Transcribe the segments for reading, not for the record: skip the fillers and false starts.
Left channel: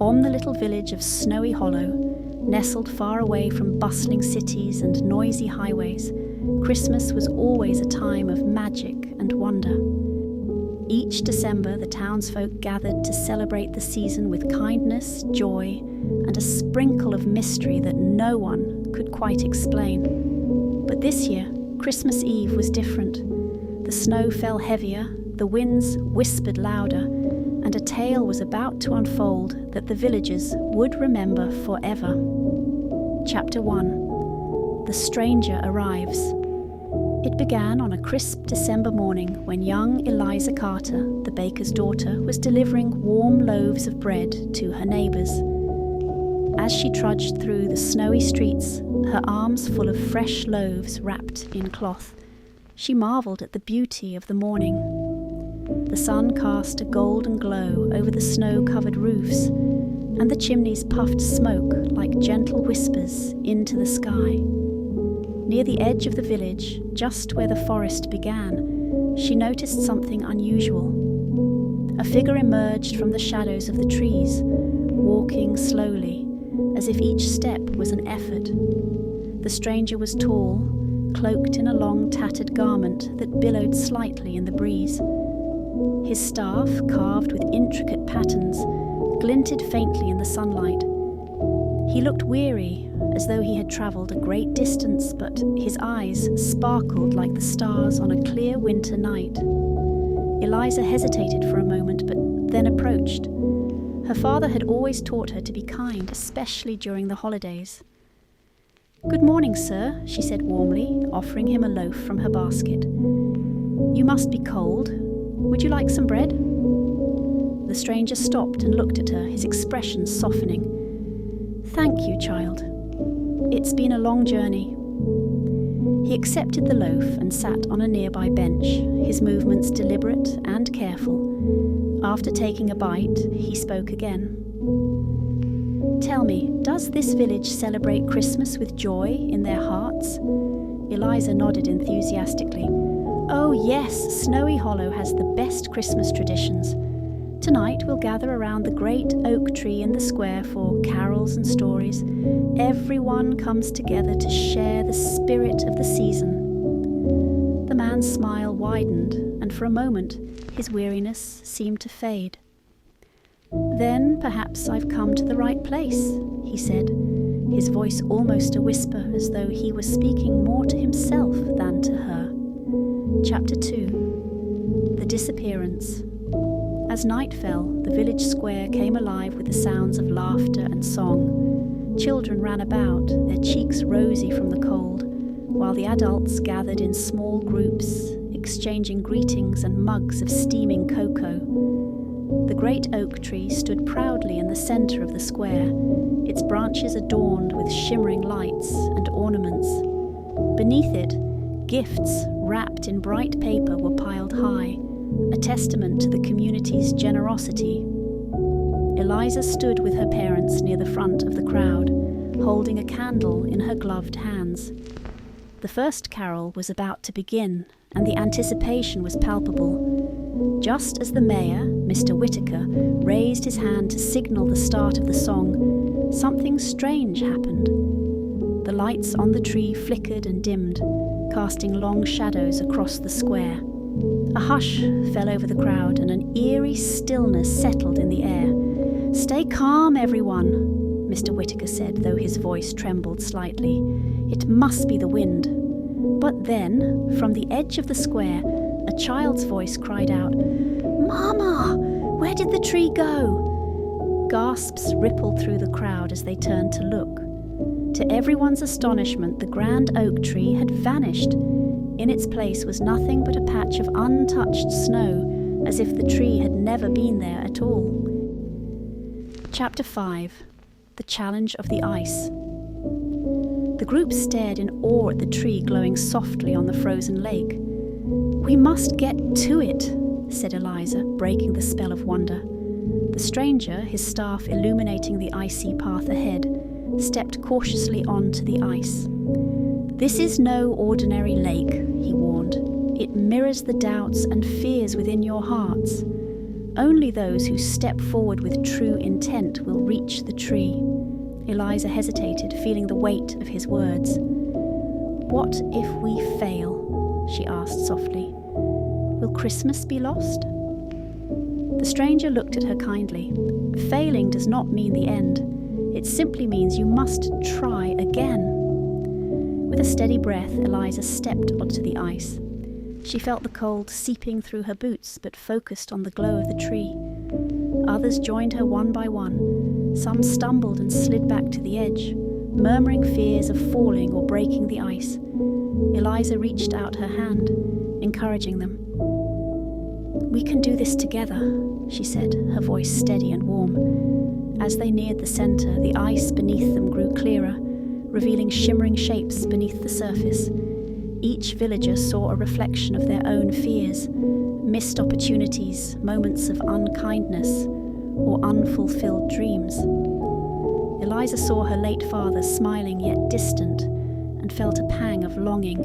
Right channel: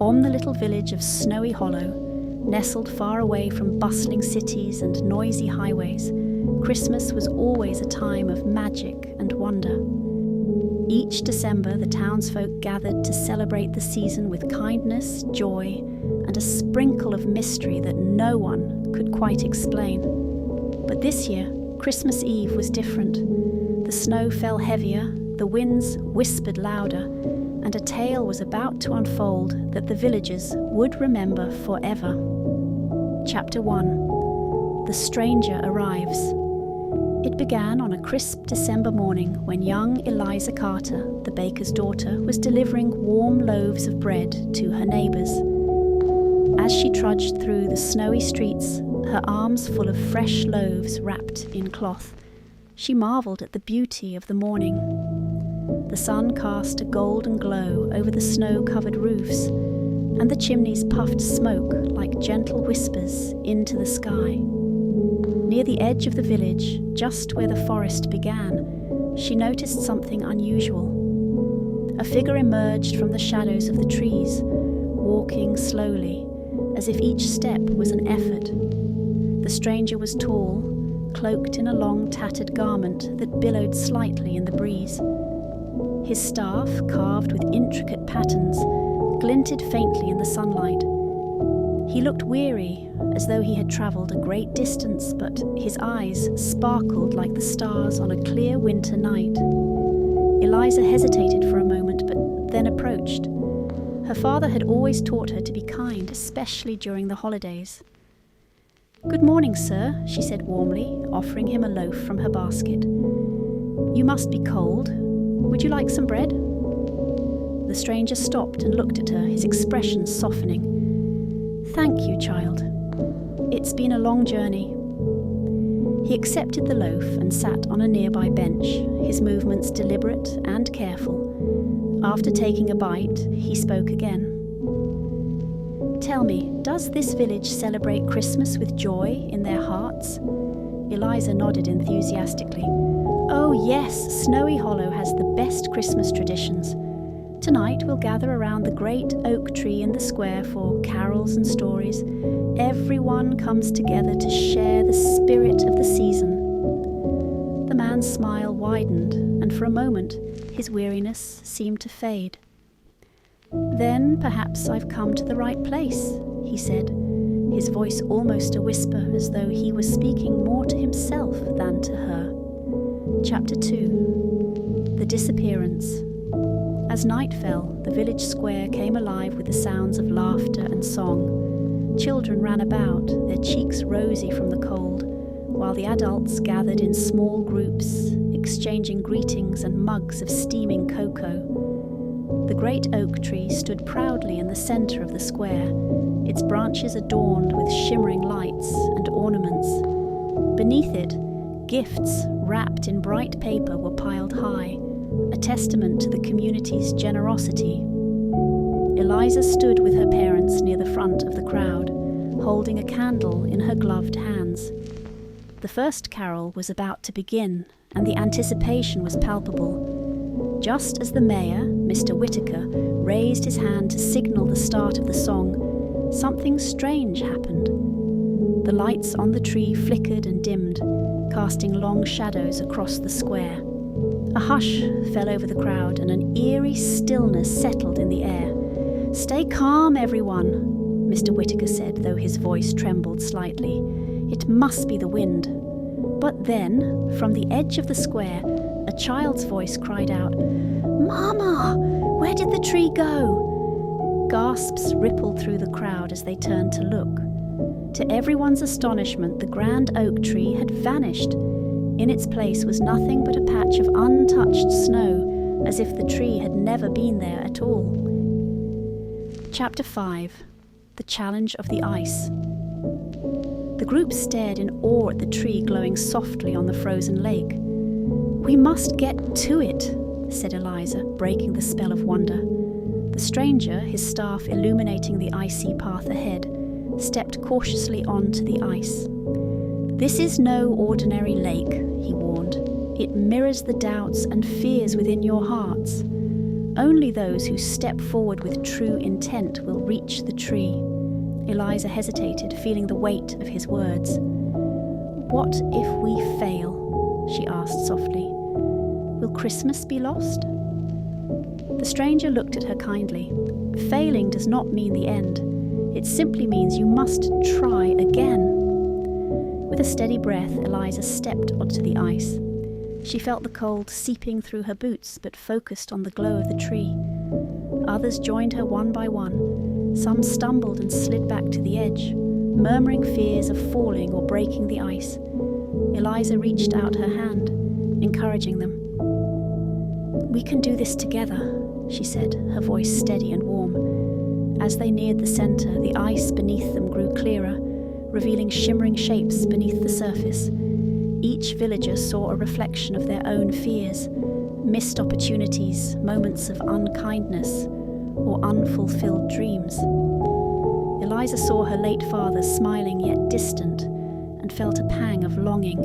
On the little village of Snowy Hollow, nestled far away from bustling cities and noisy highways, Christmas was always a time of magic and wonder. Each December, the townsfolk gathered to celebrate the season with kindness, joy, and a sprinkle of mystery that no one could quite explain. But this year, Christmas Eve was different. The snow fell heavier, the winds whispered louder, and a tale was about to unfold that the villagers would remember forever. Chapter 1. The Stranger Arrives. It began on a crisp December morning when young Eliza Carter, the baker's daughter, was delivering warm loaves of bread to her neighbours. As she trudged through the snowy streets, her arms full of fresh loaves wrapped in cloth, she marvelled at the beauty of the morning. The sun cast a golden glow over the snow-covered roofs, and the chimneys puffed smoke like gentle whispers into the sky. Near the edge of the village, just where the forest began, she noticed something unusual. A figure emerged from the shadows of the trees, walking slowly, as if each step was an effort. The stranger was tall, cloaked in a long tattered garment that billowed slightly in the breeze. His staff, carved with intricate patterns, glinted faintly in the sunlight. He looked weary, as though he had travelled a great distance, but his eyes sparkled like the stars on a clear winter night. Eliza hesitated for a moment, but then approached. Her father had always taught her to be kind, especially during the holidays. "Good morning, sir," she said warmly, offering him a loaf from her basket. "You must be cold. Would you like some bread?" The stranger stopped and looked at her, his expression softening. "Thank you, child. It's been a long journey." He accepted the loaf and sat on a nearby bench, his movements deliberate and careful. After taking a bite, he spoke again. "Tell me, does this village celebrate Christmas with joy in their hearts?" Eliza nodded enthusiastically. "Oh yes, Snowy Hollow has the best Christmas traditions. Tonight we'll gather around the great oak tree in the square for carols and stories. Everyone comes together to share the spirit of the season." The man's smile widened, and for a moment his weariness seemed to fade. "Then perhaps I've come to the right place," he said, his voice almost a whisper, as though he was speaking more to himself than to her. Chapter 2. The Disappearance. As night fell, the village square came alive with the sounds of laughter and song. Children ran about, their cheeks rosy from the cold, while the adults gathered in small groups, exchanging greetings and mugs of steaming cocoa. The great oak tree stood proudly in the centre of the square, its branches adorned with shimmering lights and ornaments. Beneath it, gifts wrapped in bright paper were piled high, a testament to the community's generosity. Eliza stood with her parents near the front of the crowd, holding a candle in her gloved hands. The first carol was about to begin, and the anticipation was palpable. Just as the mayor, Mr. Whitaker, raised his hand to signal the start of the song, something strange happened. The lights on the tree flickered and dimmed, casting long shadows across the square. A hush fell over the crowd, and an eerie stillness settled in the air. "Stay calm, everyone," Mr. Whitaker said, though his voice trembled slightly. "It must be the wind." But then, from the edge of the square, a child's voice cried out, "Mama, where did the tree go?" Gasps rippled through the crowd as they turned to look. To everyone's astonishment, the grand oak tree had vanished. In its place was nothing but a patch of untouched snow, as if the tree had never been there at all. Chapter 5. The Challenge of the Ice. The group stared in awe at the tree glowing softly on the frozen lake. "We must get to it," said Eliza, breaking the spell of wonder. The stranger, his staff illuminating the icy path ahead, stepped cautiously onto the ice. "This is no ordinary lake," he warned. "It mirrors the doubts and fears within your hearts. Only those who step forward with true intent will reach the tree. Eliza hesitated, feeling the weight of his words. What if we fail? She asked softly. Will Christmas be lost? The stranger looked at her kindly. Failing does not mean the end. It simply means you must try again. With a steady breath, Eliza stepped onto the ice. She felt the cold seeping through her boots, but focused on the glow of the tree. Others joined her one by one. Some stumbled and slid back to the edge, murmuring fears of falling or breaking the ice. Eliza reached out her hand, encouraging them. We can do this together, she said, her voice steady and warm. As they neared the center, the ice beneath them grew clearer, revealing shimmering shapes beneath the surface. Each villager saw a reflection of their own fears, missed opportunities, moments of unkindness, or unfulfilled dreams. Eliza saw her late father smiling yet distant, and felt a pang of longing.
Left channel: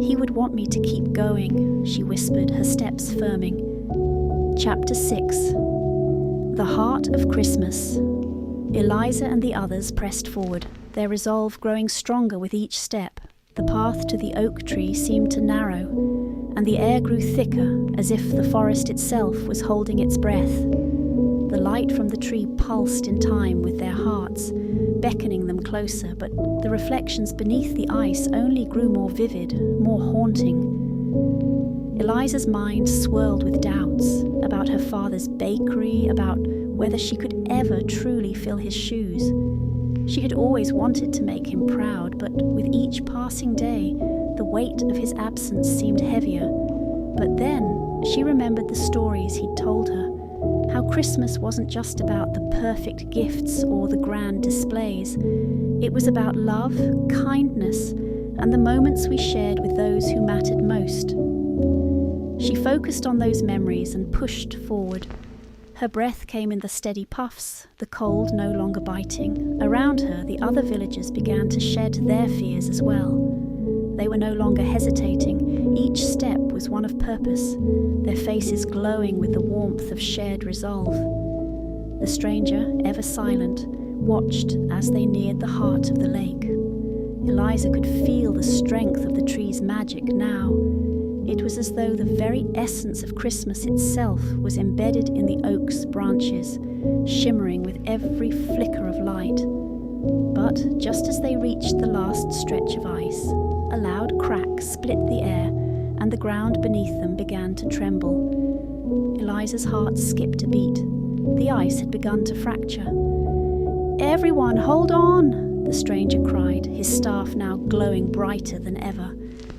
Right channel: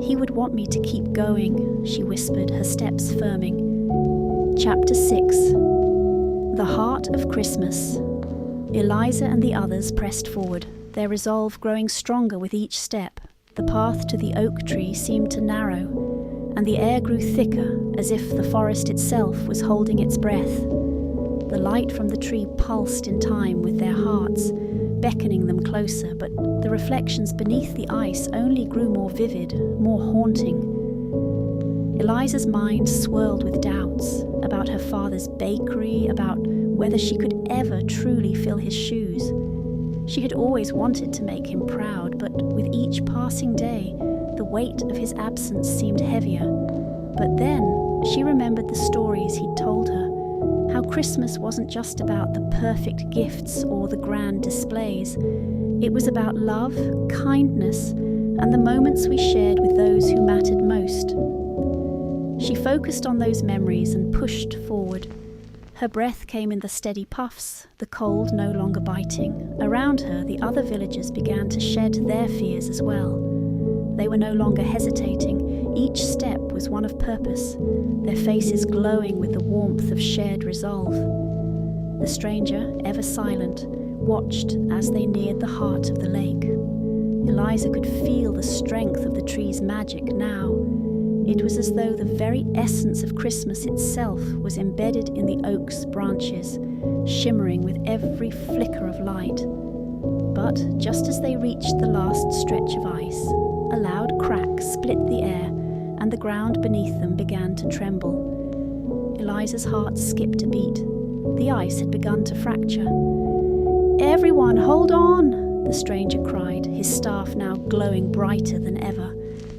He would want me to keep going, she whispered, her steps firming. Chapter 6. The Heart of Christmas. Eliza and the others pressed forward, their resolve growing stronger with each step. The path to the oak tree seemed to narrow, and the air grew thicker, as if the forest itself was holding its breath. The light from the tree pulsed in time with their hearts, beckoning them closer, but the reflections beneath the ice only grew more vivid, more haunting. Eliza's mind swirled with doubts about her father's bakery, about whether she could ever truly fill his shoes. She had always wanted to make him proud, but with each passing day, the weight of his absence seemed heavier. But then she remembered the stories he'd told her, how Christmas wasn't just about the perfect gifts or the grand displays. It was about love, kindness, and the moments we shared with those who mattered most. She focused on those memories and pushed forward. Her breath came in the steady puffs, the cold no longer biting. Around her, the other villagers began to shed their fears as well. They were no longer hesitating. Each step was one of purpose, their faces glowing with the warmth of shared resolve. The stranger, ever silent, watched as they neared the heart of the lake. Eliza could feel the strength of the tree's magic now. It was as though the very essence of Christmas itself was embedded in the oak's branches, shimmering with every flicker of light. But just as they reached the last stretch of ice, a loud crack split the air, and the ground beneath them began to tremble. Eliza's heart skipped a beat. The ice had begun to fracture. "Everyone, hold on!" the stranger cried, his staff now glowing brighter than ever.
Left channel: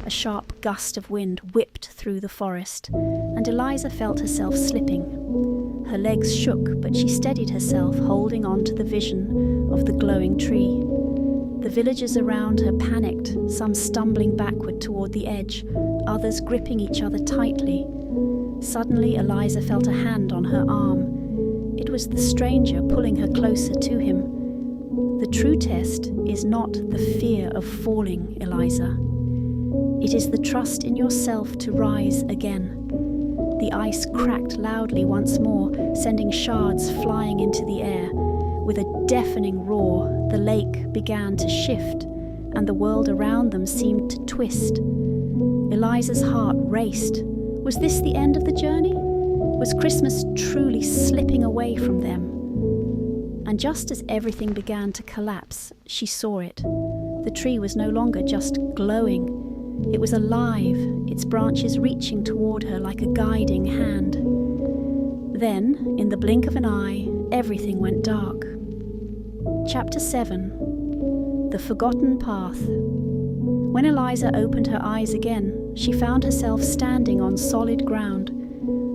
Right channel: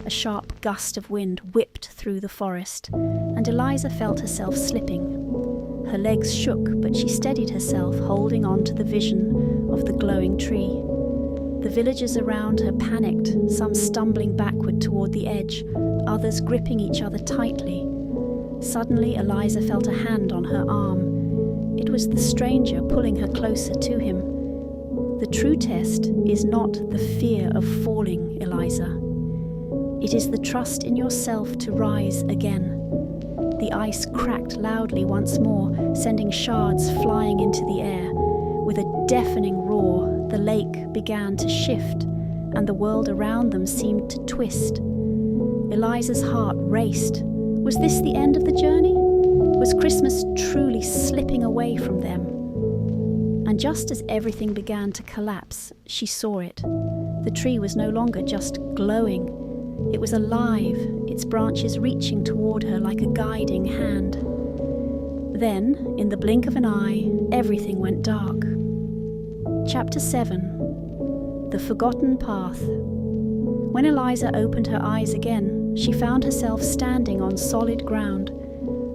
A sharp gust of wind whipped through the forest, and Eliza felt herself slipping. Her legs shook, but she steadied herself, holding on to the vision of the glowing tree. The villagers around her panicked, some stumbling backward toward the edge, others gripping each other tightly. Suddenly, Eliza felt a hand on her arm. It was the stranger pulling her closer to him. The true test is not the fear of falling, Eliza. It is the trust in yourself to rise again. The ice cracked loudly once more, sending shards flying into the air. With a deafening roar, the lake began to shift, and the world around them seemed to twist. Eliza's heart raced. Was this the end of the journey? Was Christmas truly slipping away from them? And just as everything began to collapse, she saw it. The tree was no longer just glowing. It was alive, its branches reaching toward her like a guiding hand. Then, in the blink of an eye, everything went dark. Chapter 7. The Forgotten Path. When Eliza opened her eyes again, she found herself standing on solid ground.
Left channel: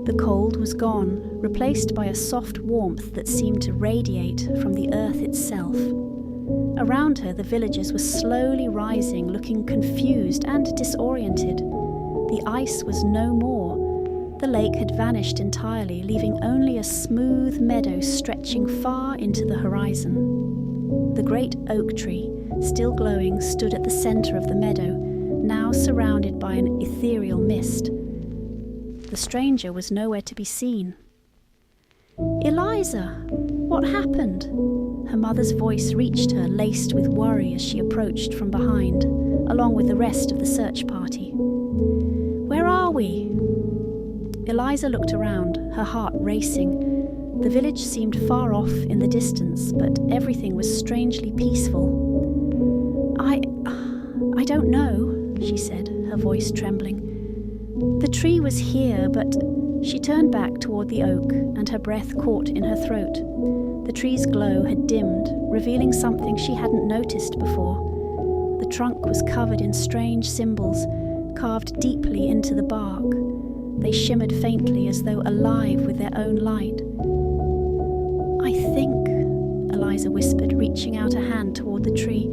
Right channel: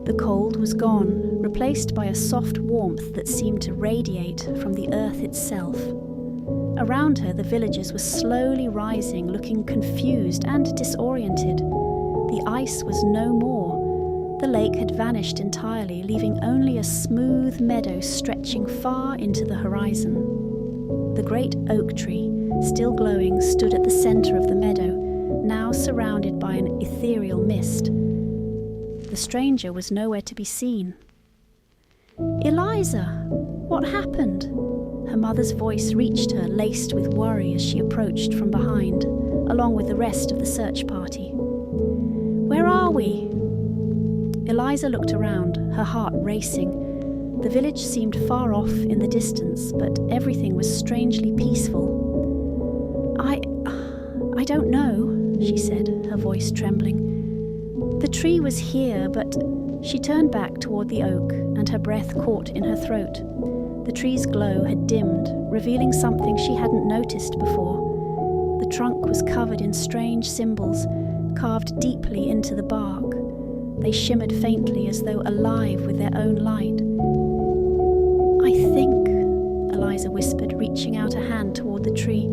The cold was gone, replaced by a soft warmth that seemed to radiate from the earth itself. Around her, the villagers were slowly rising, looking confused and disoriented. The ice was no more. The lake had vanished entirely, leaving only a smooth meadow stretching far into the horizon. The great oak tree, still glowing, stood at the center of the meadow, now surrounded by an ethereal mist. The stranger was nowhere to be seen. "Eliza, what happened?" Her mother's voice reached her, laced with worry as she approached from behind, along with the rest of the search party. "Where are we?" Eliza looked around, her heart racing. The village seemed far off in the distance, but everything was strangely peaceful. I don't know," she said, her voice trembling. "The tree was here, but..." She turned back toward the oak, and her breath caught in her throat. The tree's glow had dimmed, revealing something she hadn't noticed before. The trunk was covered in strange symbols, carved deeply into the bark. They shimmered faintly as though alive with their own light. "I think," Eliza whispered, reaching out a hand toward the tree,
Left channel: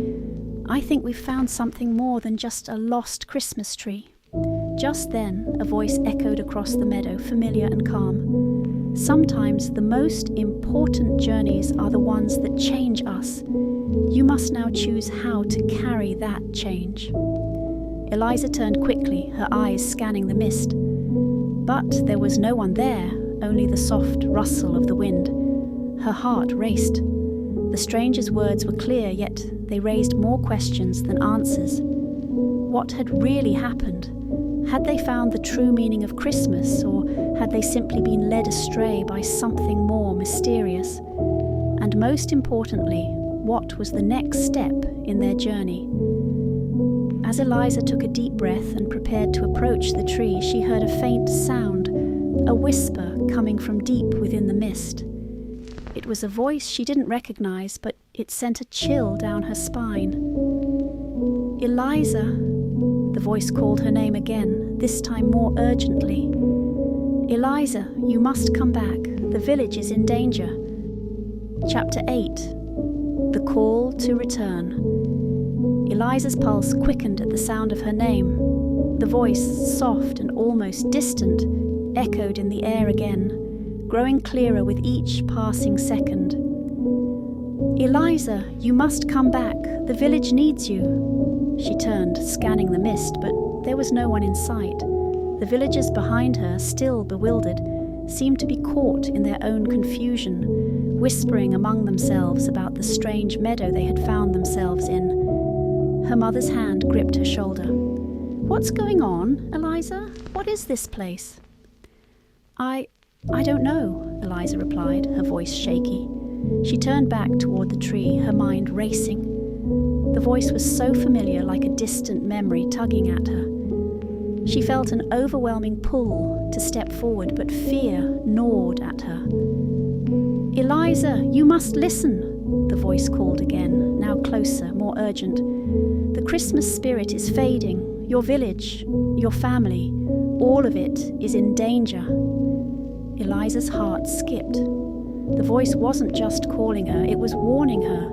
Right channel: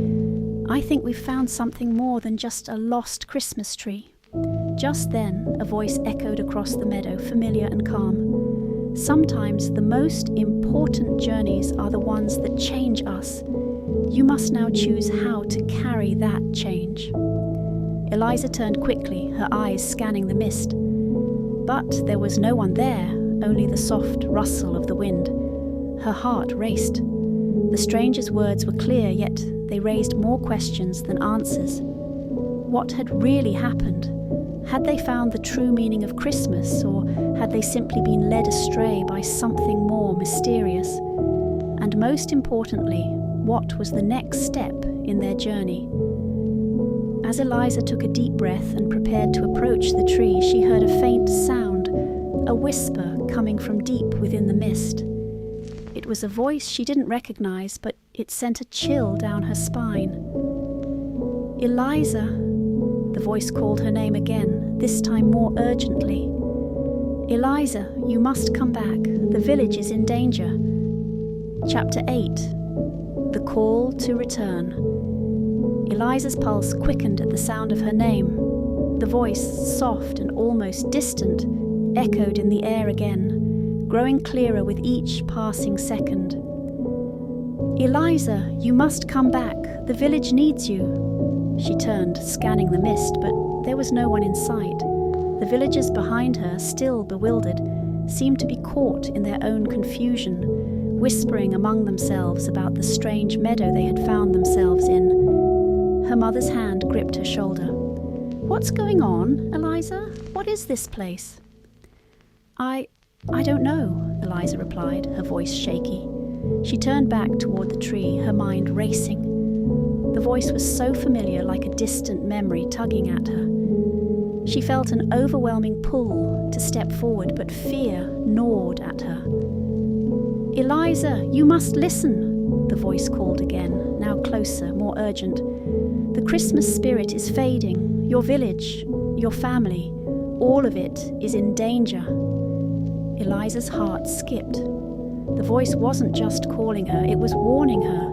"I think we've found something more than just a lost Christmas tree." Just then, a voice echoed across the meadow, familiar and calm. "Sometimes the most important journeys are the ones that change us. You must now choose how to carry that change." Eliza turned quickly, her eyes scanning the mist. But there was no one there, only the soft rustle of the wind. Her heart raced. The stranger's words were clear, yet they raised more questions than answers. What had really happened? Had they found the true meaning of Christmas, or had they simply been led astray by something more mysterious? And most importantly, what was the next step in their journey? As Eliza took a deep breath and prepared to approach the tree, she heard a faint sound, a whisper coming from deep within the mist. It was a voice she didn't recognize, but it sent a chill down her spine. "Eliza," the voice called her name again, this time more urgently. "Eliza, you must come back. The village is in danger." Chapter 8. The Call to Return. Eliza's pulse quickened at the sound of her name. The voice, soft and almost distant, echoed in the air again, growing clearer with each passing second. "Eliza, you must come back. The village needs you." She turned, scanning the mist, but there was no one in sight. The villagers behind her, still bewildered, seemed to be caught in their own confusion, whispering among themselves about the strange meadow they had found themselves in. Her mother's hand gripped her shoulder. "What's going on, Eliza? What is this place?" I don't know," Eliza replied, her voice shaky. She turned back toward the tree, her mind racing. The voice was so familiar, like a distant memory tugging at her. She felt an overwhelming pull to step forward, but fear gnawed at her. "Eliza, you must listen," the voice called again, now closer, more urgent. "The Christmas spirit is fading. Your village, your family, all of it is in danger." Eliza's heart skipped. The voice wasn't just calling her, it was warning her.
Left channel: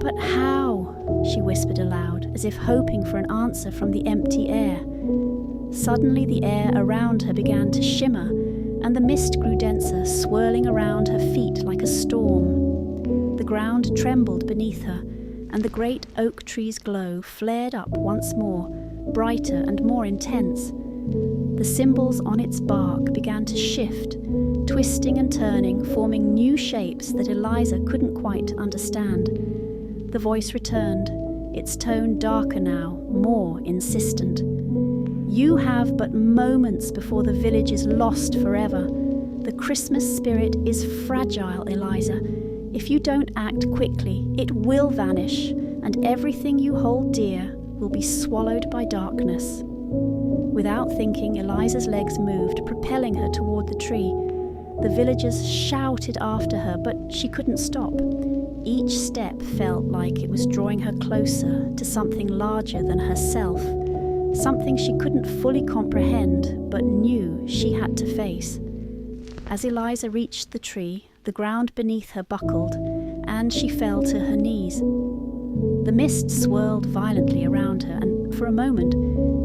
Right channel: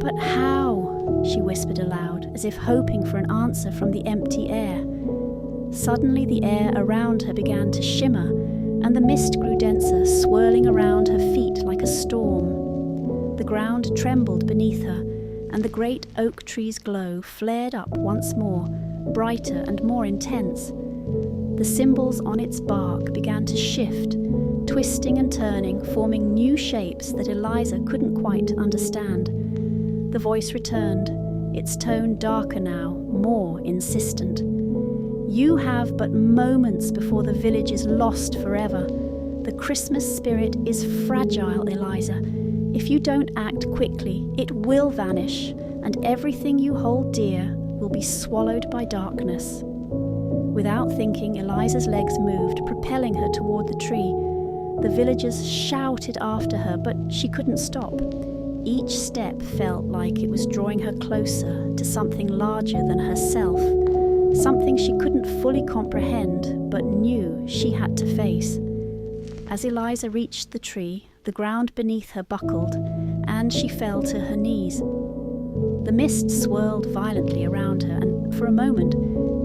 "But how?" she whispered aloud, as if hoping for an answer from the empty air. Suddenly the air around her began to shimmer, and the mist grew denser, swirling around her feet like a storm. The ground trembled beneath her, and the great oak tree's glow flared up once more, brighter and more intense. The symbols on its bark began to shift, twisting and turning, forming new shapes that Eliza couldn't quite understand. The voice returned, its tone darker now, more insistent. "You have but moments before the village is lost forever. The Christmas spirit is fragile, Eliza. If you don't act quickly, it will vanish, and everything you hold dear will be swallowed by darkness." Without thinking, Eliza's legs moved, propelling her toward the tree. The villagers shouted after her, but she couldn't stop. Each step felt like it was drawing her closer to something larger than herself, something she couldn't fully comprehend, but knew she had to face. As Eliza reached the tree, the ground beneath her buckled, and she fell to her knees. The mist swirled violently around her, and for a moment,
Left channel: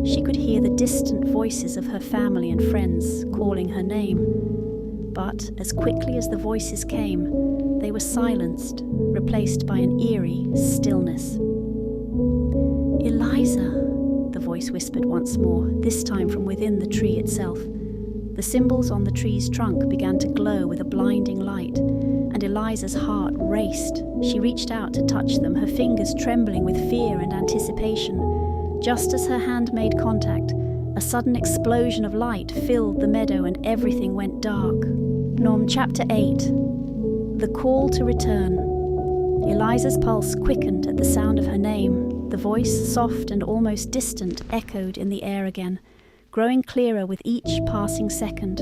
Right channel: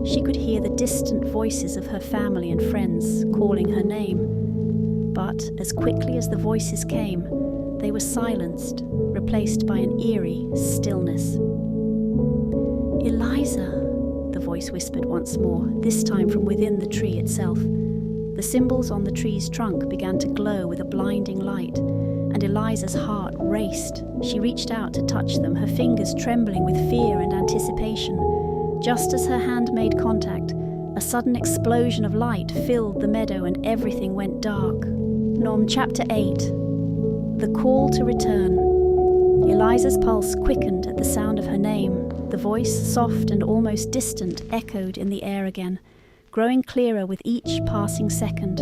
she could hear the distant voices of her family and friends calling her name. But as quickly as the voices came, they were silenced, replaced by an eerie stillness. "Eliza," the voice whispered once more, this time from within the tree itself. The symbols on the tree's trunk began to glow with a blinding light, and Eliza's heart raced. She reached out to touch them, her fingers trembling with fear and anticipation. Just as her hand made contact, a sudden explosion of light filled the meadow and everything went dark. Chapter 8. The Call to Return. Eliza's pulse quickened at the sound of her name. The voice, soft and almost distant, echoed in the air again, growing clearer with each passing second.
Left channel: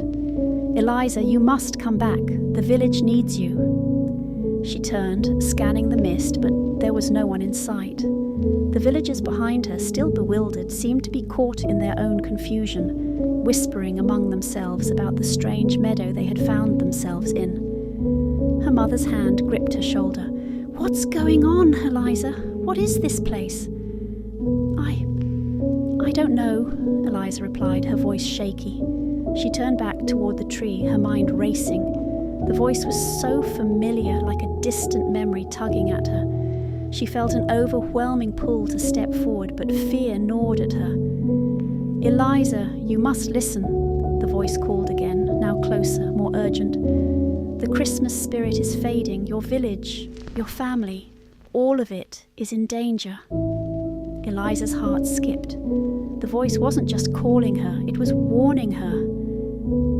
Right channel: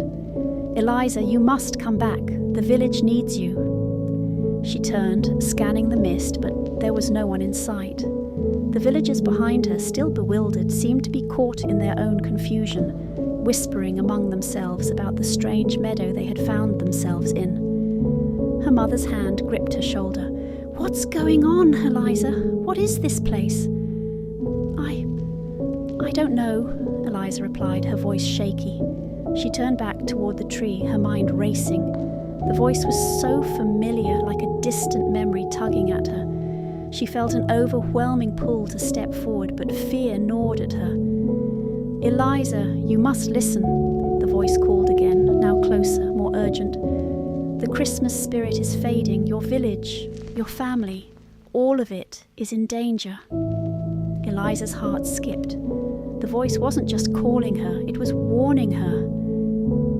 Eliza, you must come back. The village needs you. She turned, scanning the mist, but there was no one in sight. The villagers behind her, still bewildered, seemed to be caught in their own confusion, whispering among themselves about the strange meadow they had found themselves in. Her mother's hand gripped her shoulder. "What's going on, Eliza? What is this place?" I don't know, Eliza replied, her voice shaky. She turned back toward the tree, her mind racing. The voice was so familiar, like a distant memory tugging at her. She felt an overwhelming pull to step forward, but fear gnawed at her. "Eliza, you must listen," the voice called again, now closer, more urgent. "The Christmas spirit is fading. Your village, your family, all of it is in danger." Eliza's heart skipped. The voice wasn't just calling her, it was warning her.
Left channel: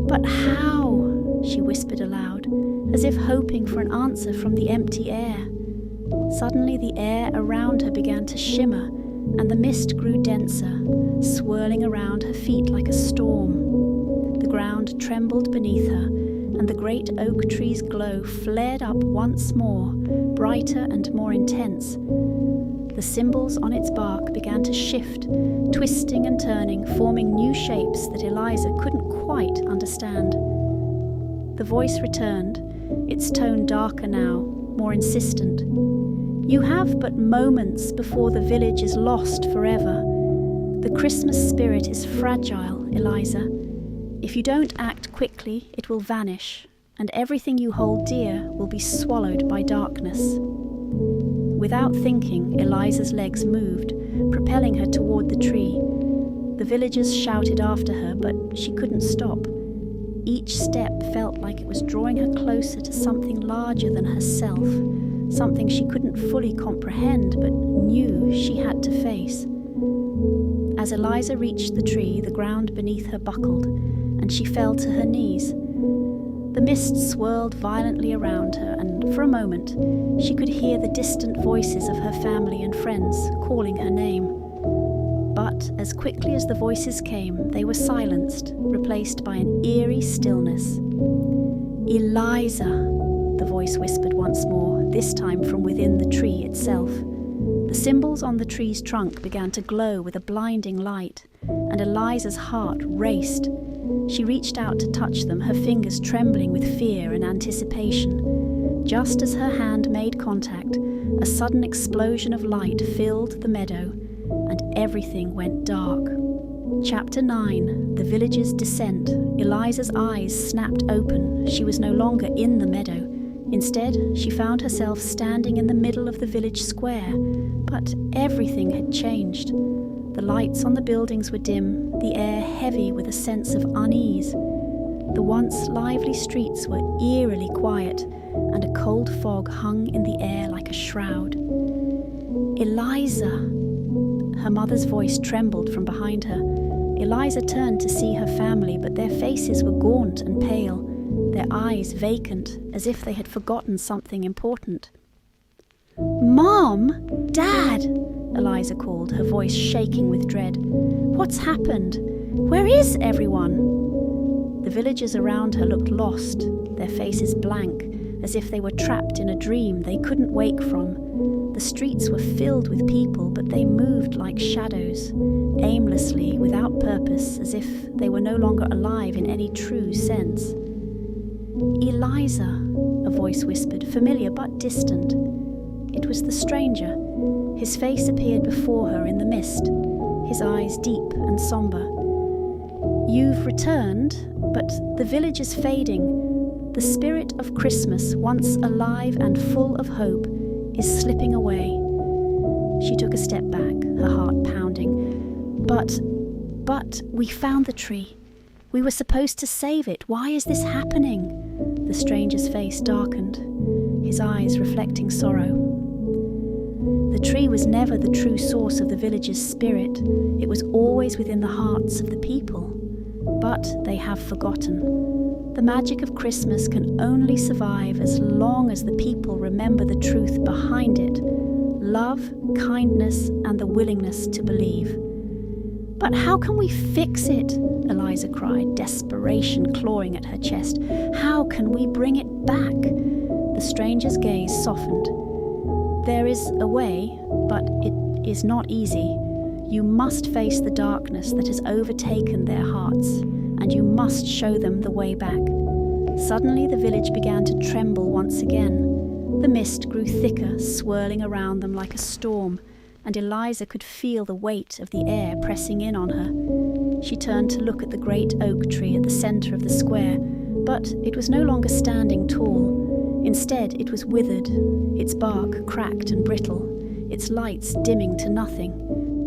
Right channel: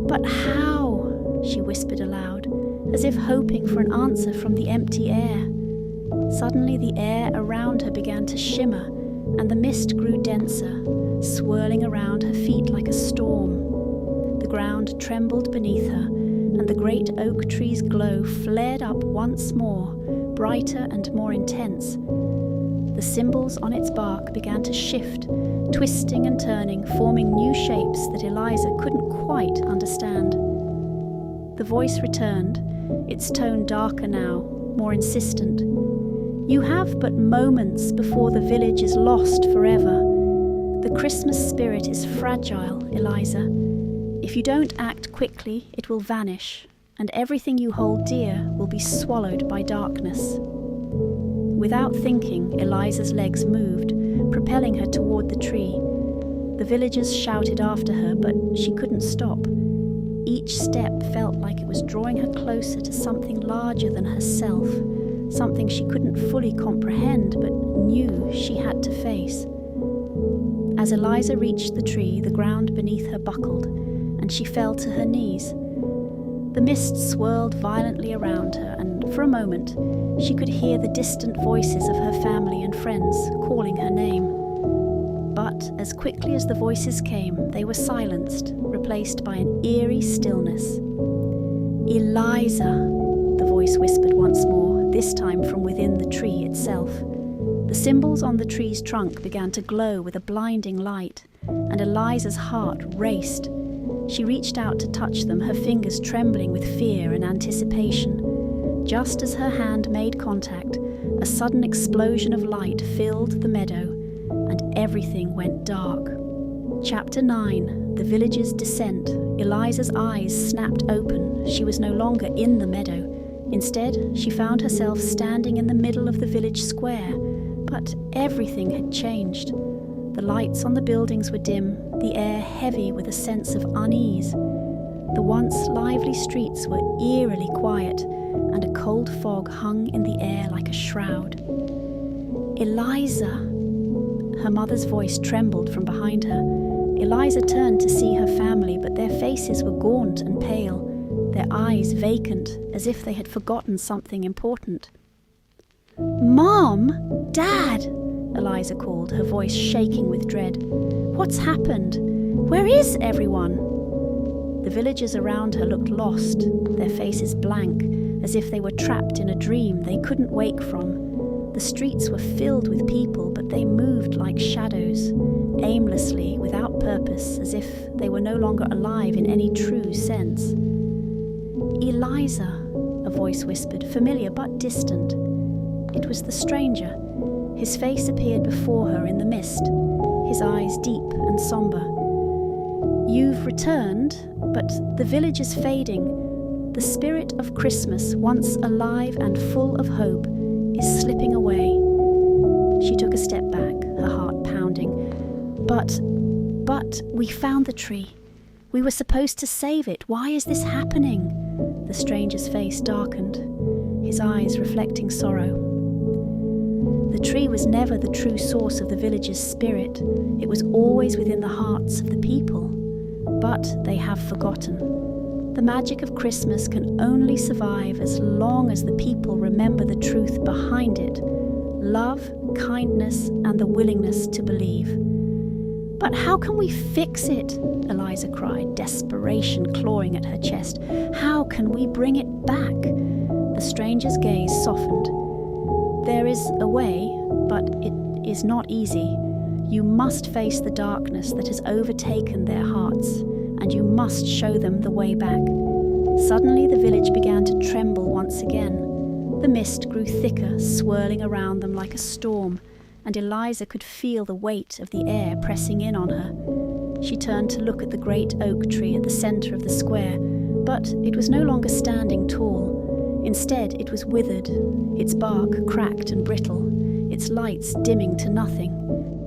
"But how?" she whispered aloud, as if hoping for an answer from the empty air. Suddenly the air around her began to shimmer, and the mist grew denser, swirling around her feet like a storm. The ground trembled beneath her, and the great oak tree's glow flared up once more, brighter and more intense. The symbols on its bark began to shift, twisting and turning, forming new shapes that Eliza couldn't quite understand. The voice returned, its tone darker now, more insistent. "You have but moments before the village is lost forever. The Christmas spirit is fragile, Eliza. If you don't act quickly, it will vanish, and everything you hold dear will be swallowed by darkness." Without thinking, Eliza's legs moved, propelling her toward the tree. The villagers shouted after her, but she couldn't stop. Each step felt like it was drawing her closer to something larger than herself, something she couldn't fully comprehend but knew she had to face. As Eliza reached the tree, the ground beneath her buckled, and she fell to her knees. The mist swirled violently around her, and for a moment she could hear the distant voices of her family and friends calling her name. But as quickly as the voices came, they were silenced, replaced by an eerie stillness. "Eliza," the voice whispered once more, this time from within the tree itself. The symbols on the tree's trunk began to glow with a blinding light, and Eliza's heart raced. She reached out to touch them, her fingers trembling with fear and anticipation. Just as her hand made contact, a sudden explosion of light filled the meadow, and everything went dark. Chapter 9. The Village's Descent. Eliza's eyes snapped open. She was no longer in the meadow. Instead, she found herself standing in the middle of the village square, but everything had changed. The lights on the buildings were dim, the air heavy with a sense of unease. The once lively streets were eerily quiet, and a cold fog hung in the air like a shroud. "Eliza!" Her mother's voice trembled from behind her. Eliza turned to see her family, but their faces were gaunt and pale, their eyes vacant, as if they had forgotten something important. "Mom! Dad!" Eliza called, her voice shaking with dread. "What's happened? Where is everyone?" The villagers around her looked lost, their faces blank, as if they were trapped in a dream they couldn't wake from. The streets were filled with people, but they moved like shadows, aimlessly, without purpose, as if they were no longer alive in any true sense. "Eliza," a voice whispered, familiar but distant. It was the stranger. His face appeared before her in the mist, his eyes deep and somber. "You've returned, but the village is fading. The spirit of Christmas, once alive and full of hope, is slipping away." She took a step back, her heart pounding. But we found the tree. We were supposed to save it. Why is this happening?" The stranger's face darkened, his eyes reflecting sorrow. The tree was never the true source of the village's spirit. It was always within the hearts of the people. But they have forgotten. The magic of Christmas can only survive as long as the people remember the truth behind it: love, kindness, and the willingness to believe. "But how can we fix it?" Eliza cried, desperation clawing at her chest. "How can we bring it back?" The stranger's gaze softened. "There is a way, but it is not easy. You must face the darkness that has overtaken their hearts, and you must show them the way back." Suddenly the village began to tremble once again. The mist grew thicker, swirling around them like a storm, and Eliza could feel the weight of the air pressing in on her. She turned to look at the great oak tree at the centre of the square, but it was no longer standing tall. Instead, it was withered, its bark cracked and brittle, its lights dimming to nothing.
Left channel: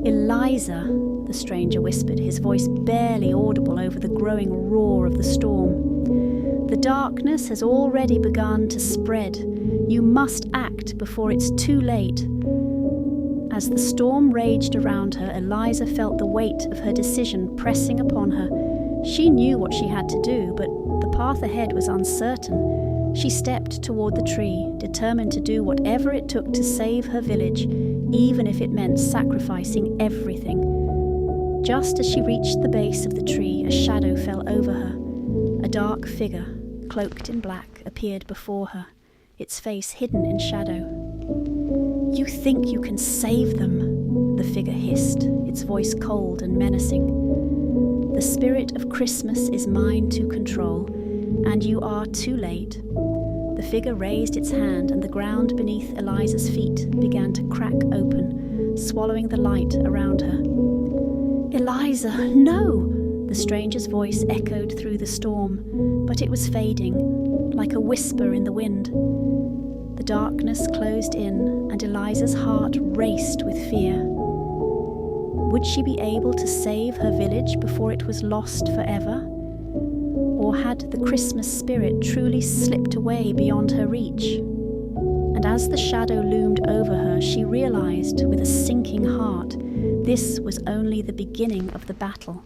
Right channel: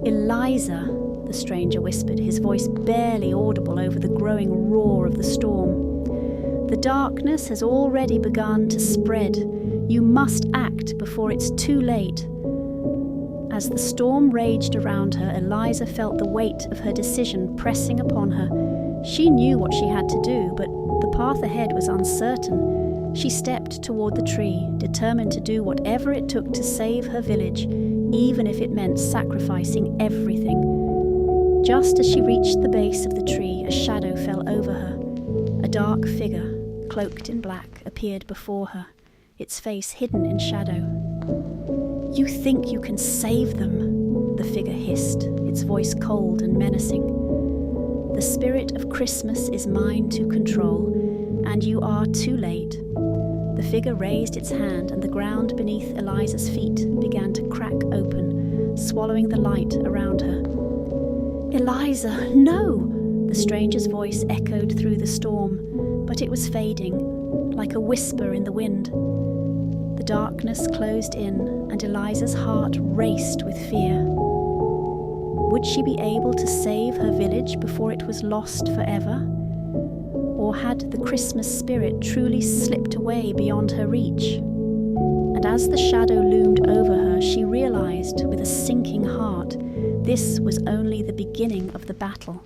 "Eliza," the stranger whispered, his voice barely audible over the growing roar of the storm. "The darkness has already begun to spread. You must act before it's too late." As the storm raged around her, Eliza felt the weight of her decision pressing upon her. She knew what she had to do, but the path ahead was uncertain. She stepped toward the tree, determined to do whatever it took to save her village, even if it meant sacrificing everything. Just as she reached the base of the tree, a shadow fell over her. A dark figure, cloaked in black, appeared before her, its face hidden in shadow. "You think you can save them?" the figure hissed, its voice cold and menacing. "The spirit of Christmas is mine to control, and you are too late." The figure raised its hand, and the ground beneath Eliza's feet began to crack open, swallowing the light around her. "Eliza, no!" The stranger's voice echoed through the storm, but it was fading, like a whisper in the wind. The darkness closed in, and Eliza's heart raced with fear. Would she be able to save her village before it was lost forever? Or had the Christmas spirit truly slipped away beyond her reach? And as the shadow loomed over her, she realized with a sinking heart this was only the beginning of the battle.